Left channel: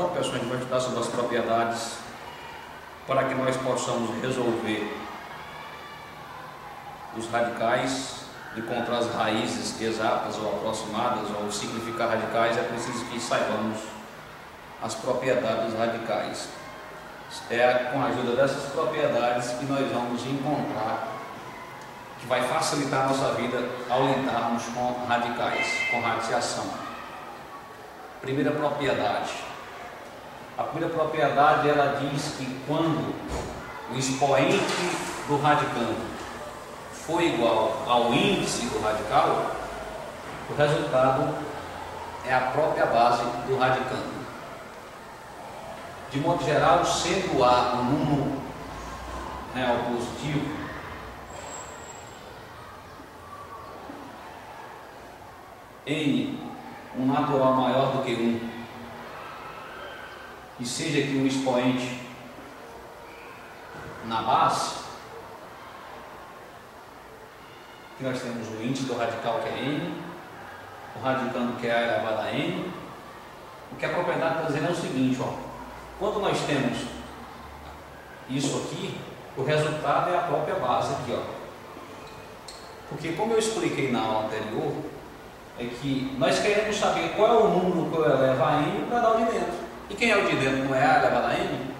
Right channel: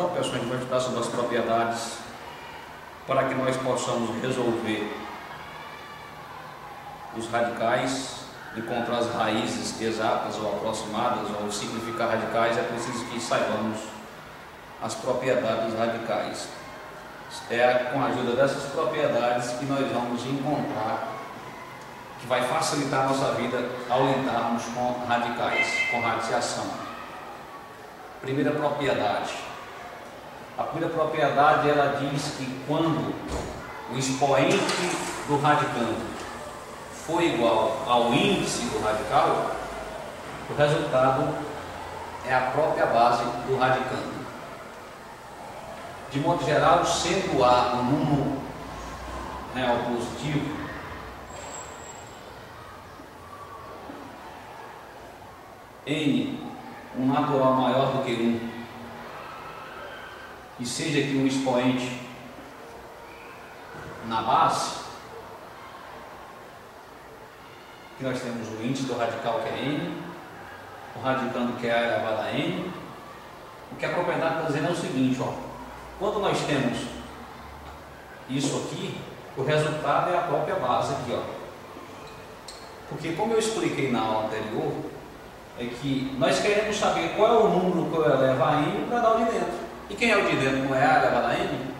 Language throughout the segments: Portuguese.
Então, pessoal, a gente vai estudar sobre as propriedades para que nós possamos resolver os radicais, encontrar as raízes exatas ou aproximadas ou significar radicais. É preciso que saibamos as propriedades dos radicais. É com a ajuda dessas propriedades que nós vamos encontrar, que vai facilitar a nossa vida ao lidarmos com radicais, com radiciação. Primeira propriedade. A primeira propriedade, ela diz que quando o expoente do radicando for igual ao índice do radical, o resultado é a própria base do radicando. De modo geral, sendo A um número real positivo, N um natural maior do que 1, e seja aqui um expoente na base, que nós temos o índice do radical, que é N, o radicando, que é A elevado a N. O que a propriedade está dizendo é o seguinte, ó, quando nós temos isso aqui, o resultado é a própria base aqui, ó. Porque, como eu expliquei na aula anterior, é que nós queremos saber qual é o número que eu elevo a N para dar o de dentro. E quem é o de dentro? Não é A elevado a N?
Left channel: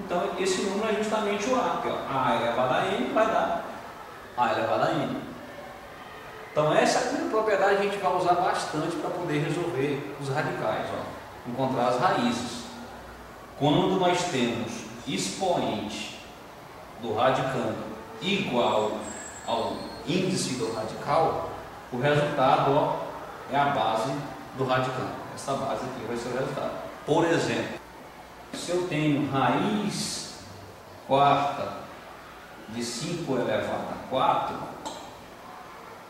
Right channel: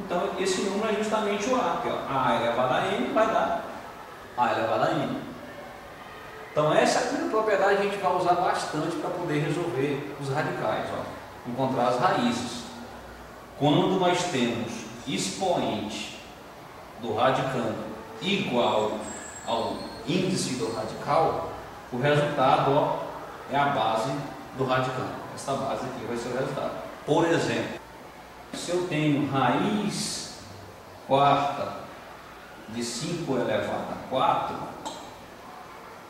Então, esse número é justamente o A, que ó, A elevado a N vai dar A elevado a N. Então, essa é a primeira propriedade que a gente vai usar bastante para poder resolver os radicais, ó, encontrar as raízes. Quando nós temos expoente do radicando igual ao índice do radical, o resultado, ó, é a base do radicando. Essa base aqui vai ser o resultado. Por exemplo, se eu tenho raiz quarta de 5 elevado a 4,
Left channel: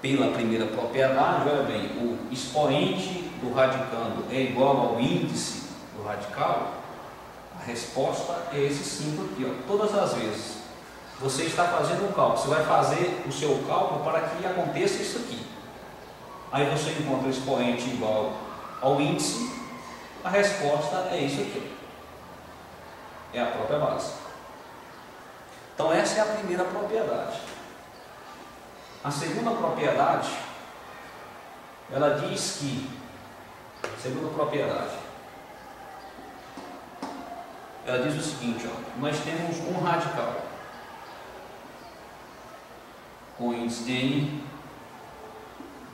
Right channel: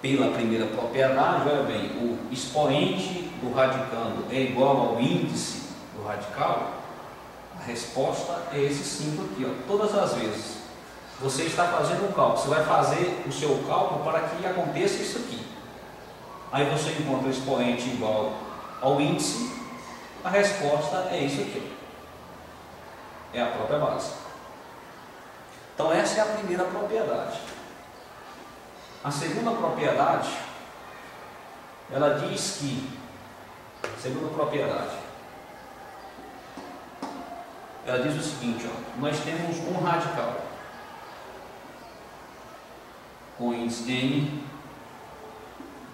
pela primeira propriedade, olha bem, o expoente do radicando é igual ao índice do radical, a resposta é esse 5 aqui, ó. Todas as vezes você está fazendo um cálculo, você vai fazer o seu cálculo para que aconteça isso aqui. Aí você encontra o expoente igual ao índice, a resposta é isso aqui, é a própria base. Então essa é a primeira propriedade. A segunda propriedade, ela diz que, segunda propriedade, ela diz o seguinte, ó, nós temos um radical com índice de N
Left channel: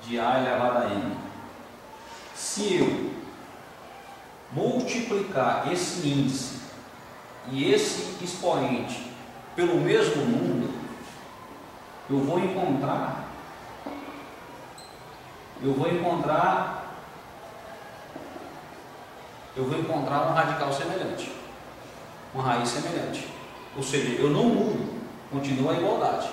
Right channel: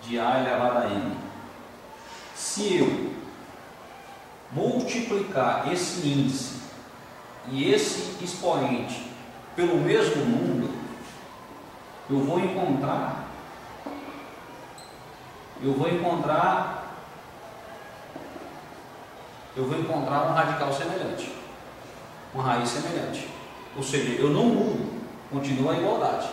de A elevado a N. Se eu multiplicar esse índice e esse expoente pelo mesmo número, eu vou encontrar um radical semelhante, uma raiz semelhante. Ou seja, eu não mudo, continua a igualdade.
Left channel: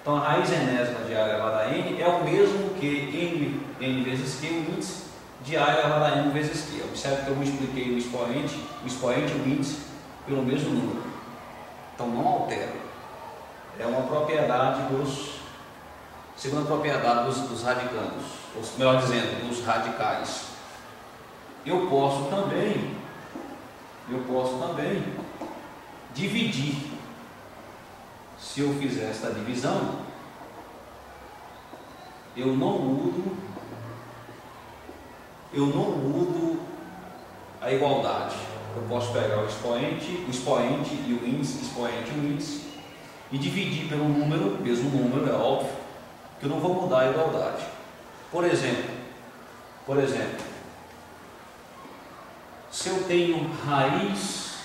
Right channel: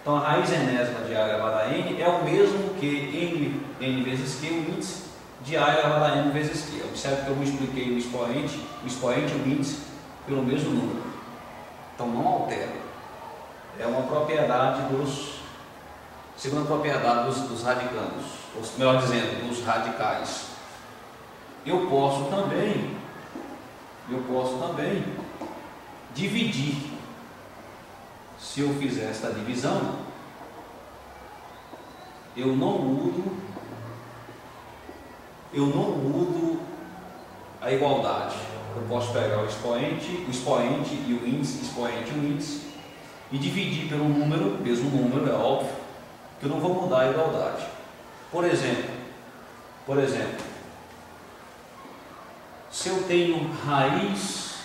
Então a raiz enésima de A elevado a N é o mesmo que N vezes Q, o índice de A elevado a N vezes Q. Observe que eu multipliquei o expoente e o índice pelo mesmo número. Então não altera. É uma propriedade segunda propriedade dos radicandos, ou melhor dizendo, dos radicais. Eu posso também dividir. Se eu fizer esta divisão, eu não mudo a igualdade. Eu posso pegar o expoente e o índice, e dividir pelo número, mesmo número, é óbvio, que eu não vou mudar a igualdade. Por exemplo, se eu tenho raiz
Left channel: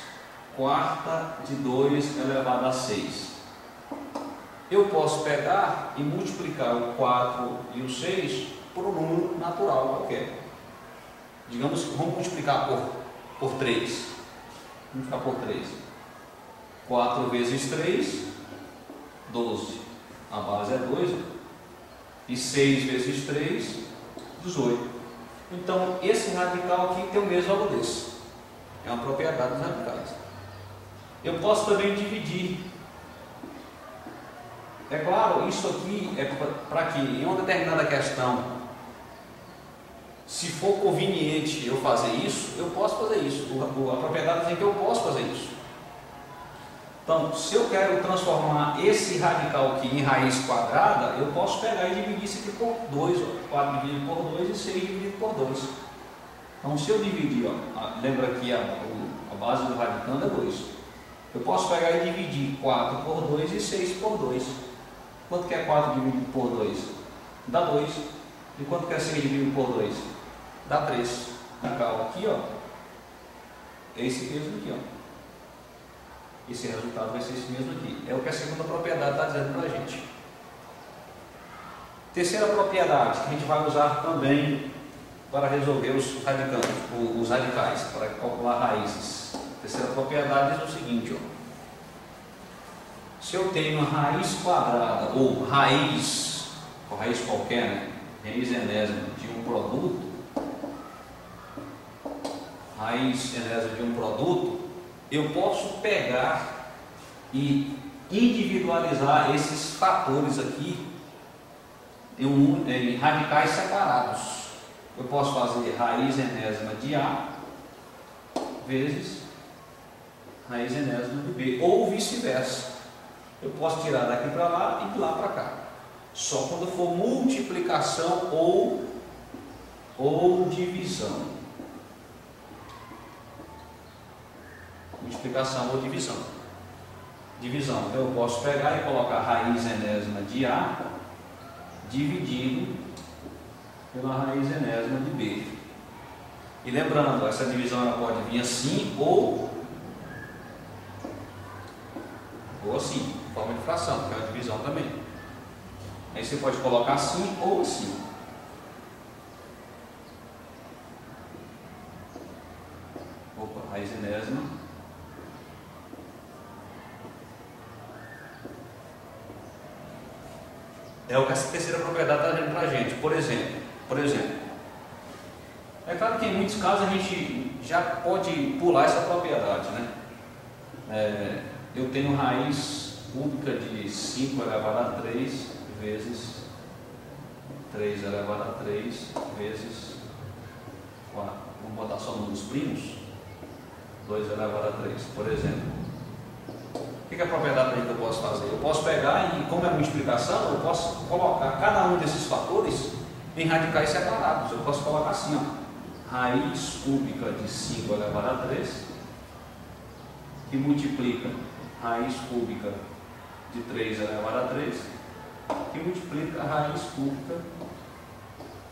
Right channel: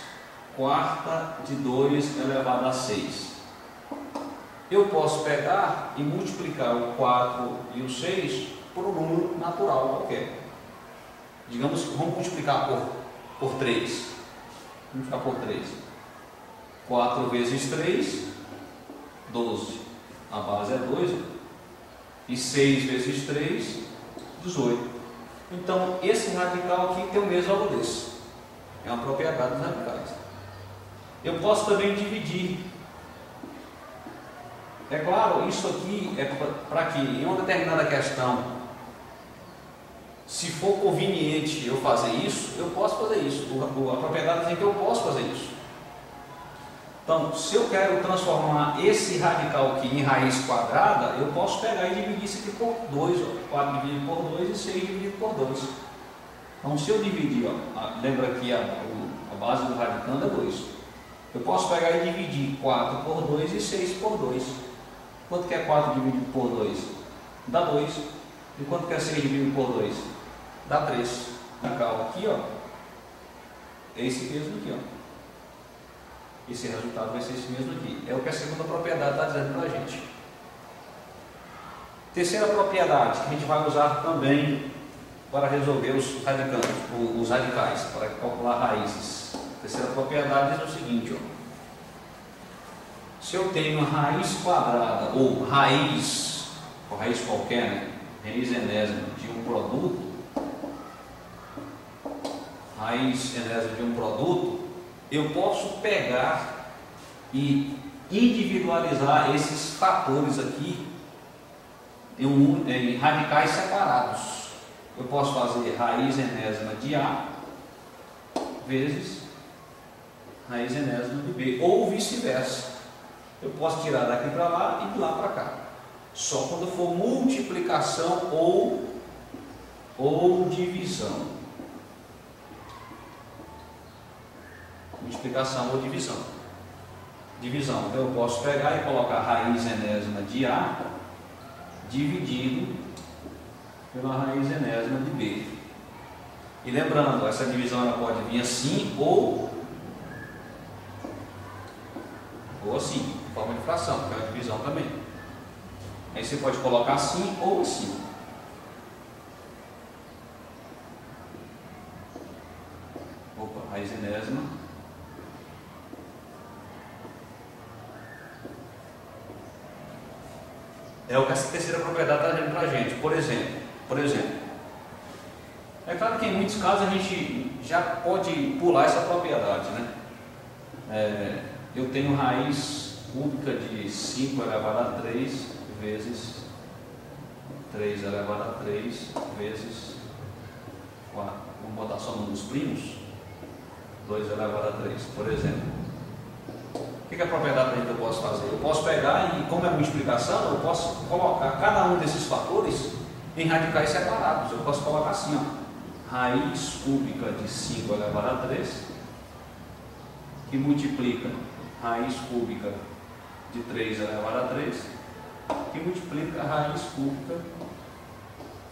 quarta de 2 elevado a 6, eu posso pegar e multiplicar o 4 e o 6 por um número natural qualquer. Digamos que vamos multiplicar por 3. Vamos ficar por 3. 4 vezes 3, 12. A base é 2. E 6 vezes 3, 18. Então, esse radical aqui tem o mesmo valor desse. É uma propriedade dos radicais. Eu posso também dividir. É claro, isso aqui é para que em uma determinada questão Se for conveniente eu fazer isso, eu posso fazer isso. A propriedade diz que eu posso fazer isso. Então, se eu quero transformar esse radical aqui em raiz quadrada, eu posso pegar e dividir isso aqui por 2, 4 dividido por 2 e 6 dividido por 2. Então, se eu dividir, ó, lembra que a base do radicando é 2. Eu posso pegar e dividir 4 por 2 e 6 por 2. Quanto que é 4 dividido por 2? Dá 2. E quanto que é 6 dividido por 2? Dá 3. Radical aqui, ó, é esse mesmo aqui, ó. Esse resultado vai ser esse mesmo aqui. É o que a segunda propriedade está dizendo para a gente. Terceira propriedade que a gente vai usar também para resolver os radicais, para calcular raízes. A terceira propriedade diz o seguinte, ó. Se eu tenho raiz quadrada ou raiz qualquer, né? Raiz enésima de um produto, raiz enésima de um produto, eu posso pegar e individualizar esses fatores aqui em radicais separados. Eu posso fazer raiz enésima de A vezes raiz enésima de B, ou vice-versa. Eu posso tirar daqui para lá e de lá para cá. Só quando for multiplicação ou divisão. Multiplicação ou divisão. Divisão, então eu posso pegar e colocar raiz enésima de A dividido pela raiz enésima de B. E lembrando, essa divisão ela pode vir assim ou assim, em forma de fração, que é uma divisão também. Aí você pode colocar assim ou assim. Opa, raiz enésima. É o que essa terceira propriedade está dizendo para a gente. Por exemplo, é claro que em muitos casos a gente já pode pular essa propriedade, né? Eu tenho raiz cúbica de 5 elevado a 3 vezes 3 elevado a 3 vezes 4. Vamos botar só números primos. 2 elevado a 3, por exemplo. O que é a propriedade que eu posso fazer? Eu posso pegar e, como é multiplicação, eu posso colocar cada um desses fatores em radicais separados. Eu posso colocar assim, ó, raiz cúbica de 5 elevado a 3, que multiplica raiz cúbica de 3 elevado a 3, que multiplica a raiz cúbica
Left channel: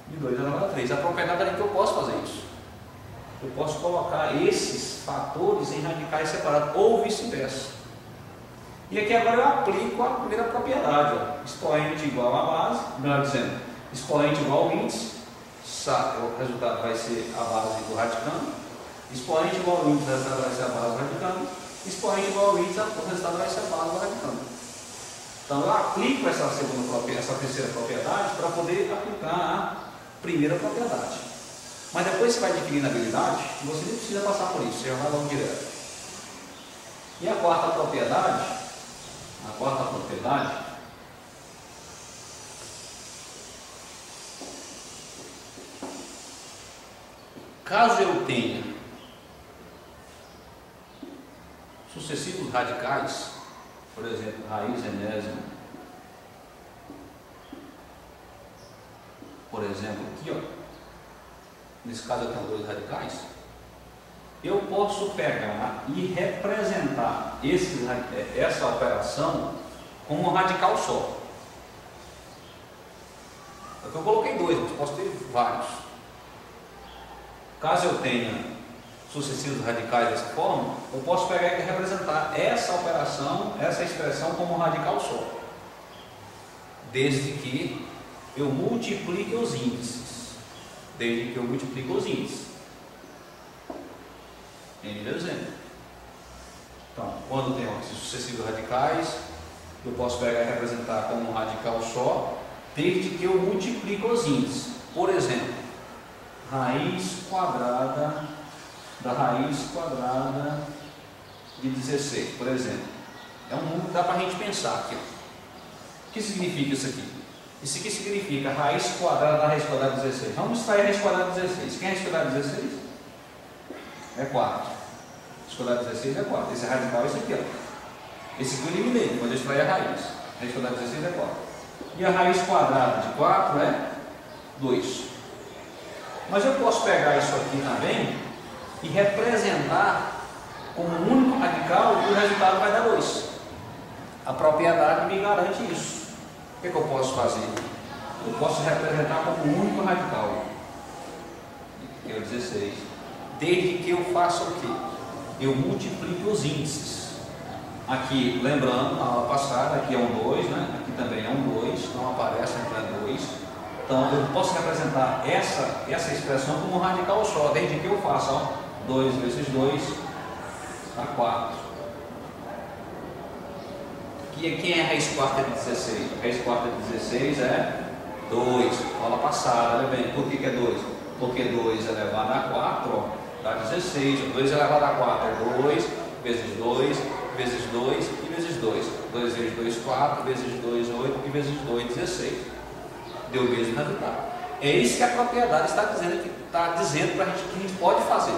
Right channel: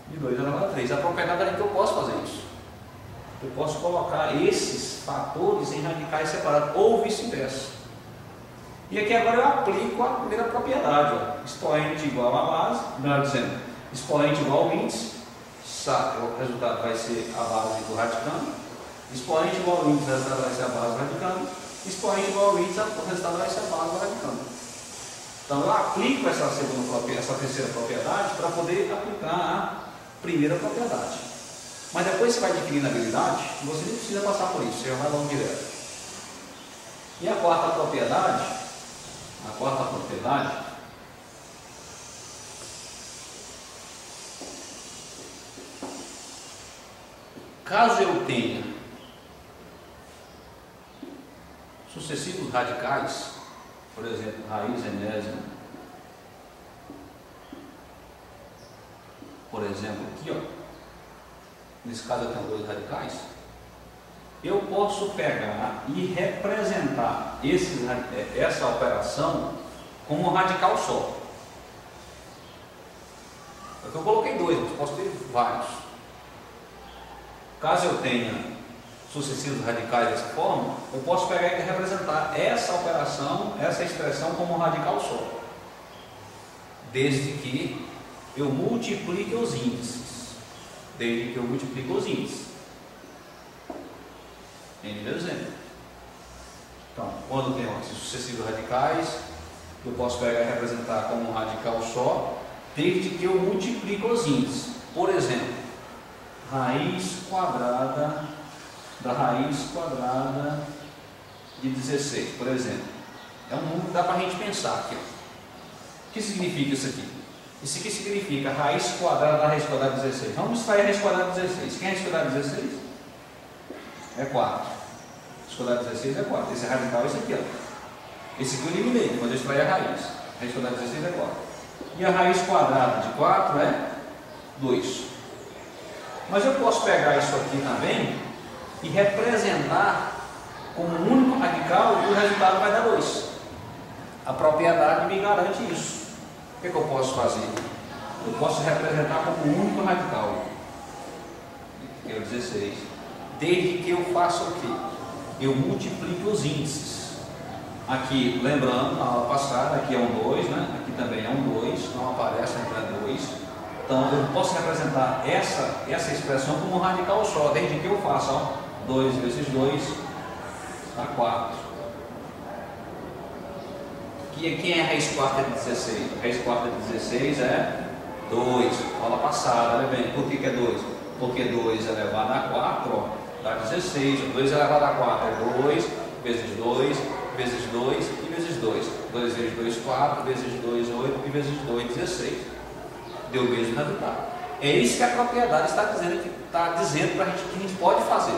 de 2 elevado a 3. A propriedade é que eu posso fazer isso. Eu posso colocar esses fatores em radicais separados, ou vice-versa. E aqui agora eu aplico a primeira propriedade, ó. Expoente igual a base, melhor dizendo, expoente igual ao índice, o resultado vai ser a base do radicando. Expoente igual ao índice, o resultado vai ser a base do radicando. Expoente igual ao índice, o resultado vai ser a base do radicando. Então eu aplico essa terceira propriedade para poder aplicar a primeira propriedade. Mas depois você vai adquirindo habilidade, você nem precisa passar por isso, você já vai logo direto. E a quarta propriedade, caso eu tenha sucessivos radicais, por exemplo, raiz enésima, por exemplo, aqui, ó, nesse caso eu tenho 2 radicais, eu posso pegar e representar essa operação como um radical só. Porque eu coloquei 2, mas posso ter vários. Caso eu tenha sucessivos radicais dessa forma, eu posso pegar e representar essa operação, essa expressão como um radical só. Desde que eu multiplique os índices. Entendeu? Então, quando tem sucessivos radicais, eu posso pegar e representar como um radical só, desde que eu multiplique os índices. Por exemplo, raiz quadrada da raiz quadrada de 16, por exemplo. É um número que dá para a gente pensar aqui. Ó. O que significa isso aqui? Isso aqui significa raiz quadrada da raiz quadrada de 16. Vamos extrair a raiz quadrada de 16. Quem é a raiz quadrada de 16? É 4. Raiz quadrada de 16 é 4. Esse radical é esse aqui, ó. Esse aqui eu eliminei, quando eu extrair a raiz. A raiz quadrada de 16 é 4. E a raiz quadrada de 4 é 2. Mas eu posso pegar isso aqui também e representar como um único radical e o resultado vai dar 2. A propriedade me garante isso. O que eu posso fazer? Eu posso representar como um único radical, que é o 16, desde que eu faça o quê? Eu multiplique os índices. Aqui, lembrando, na aula passada, aqui é um 2, né? Aqui também é um 2, não aparece, então é 2. Então eu posso representar essa expressão como um radical só, desde que eu faça, ó, 2 vezes 2 dá 4. Quem é a raiz quarta de 16? A raiz quarta de 16 é 2, aula passada, olha bem, por que é 2? Porque 2 elevado a 4, ó, dá 16, 2 elevado a 4 é 2, vezes 2, vezes 2 e vezes 2. 2 vezes 2, 4, vezes 2, 8 e vezes 2, 16. Deu o mesmo resultado. É isso que a propriedade está dizendo para a gente que a gente pode fazer.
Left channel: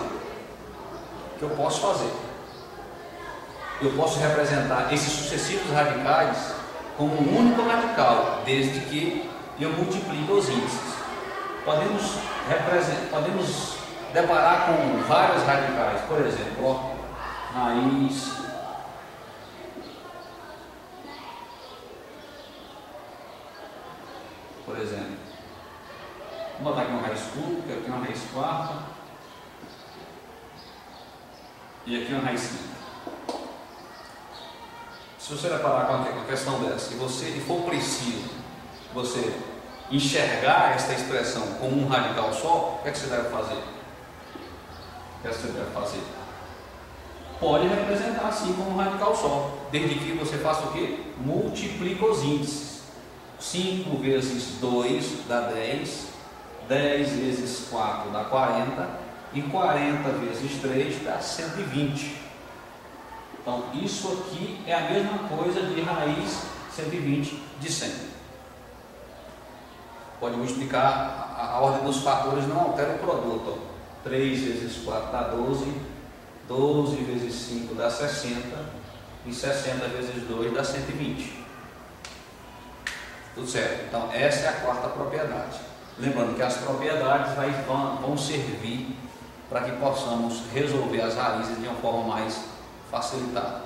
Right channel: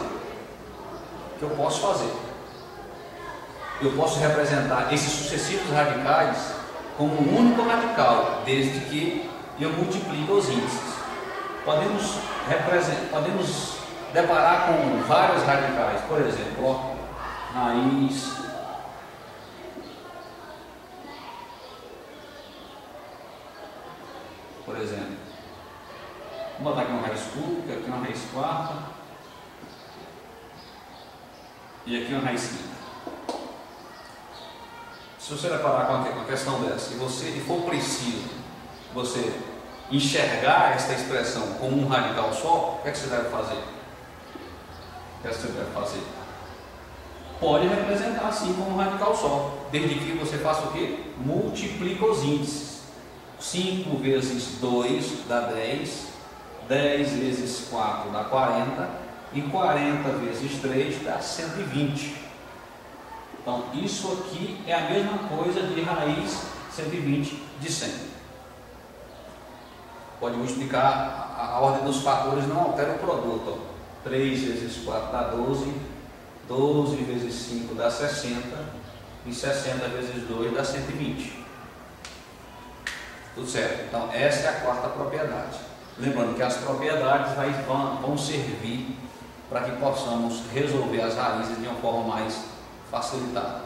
Que eu posso fazer. Eu posso representar esses sucessivos radicais como um único radical, desde que eu multiplique os índices. Podemos deparar com vários radicais, por exemplo, ó, raiz por exemplo, vamos botar aqui uma raiz cúbica, aqui uma raiz quarta e aqui uma raiz quinta. Se você deparar com uma questão dessa e for preciso você enxergar esta expressão como um radical só, o que é que você deve fazer? O que é que você deve fazer? Pode representar assim como um radical só, desde que você faça o quê? Multiplica os índices. 5 vezes 2 dá 10, 10 vezes 4 dá 40 e 40 vezes 3 dá 120. Então, isso aqui é a mesma coisa de raiz 120 de 100. Pode multiplicar, a ordem dos fatores não altera o produto. Ó. 3 vezes 4 dá 12, 12 vezes 5 dá 60 e 60 vezes 2 dá 120. Tudo certo? Então, essa é a quarta propriedade. Lembrando que as propriedades vão servir para que possamos resolver as raízes de uma forma mais facilitada.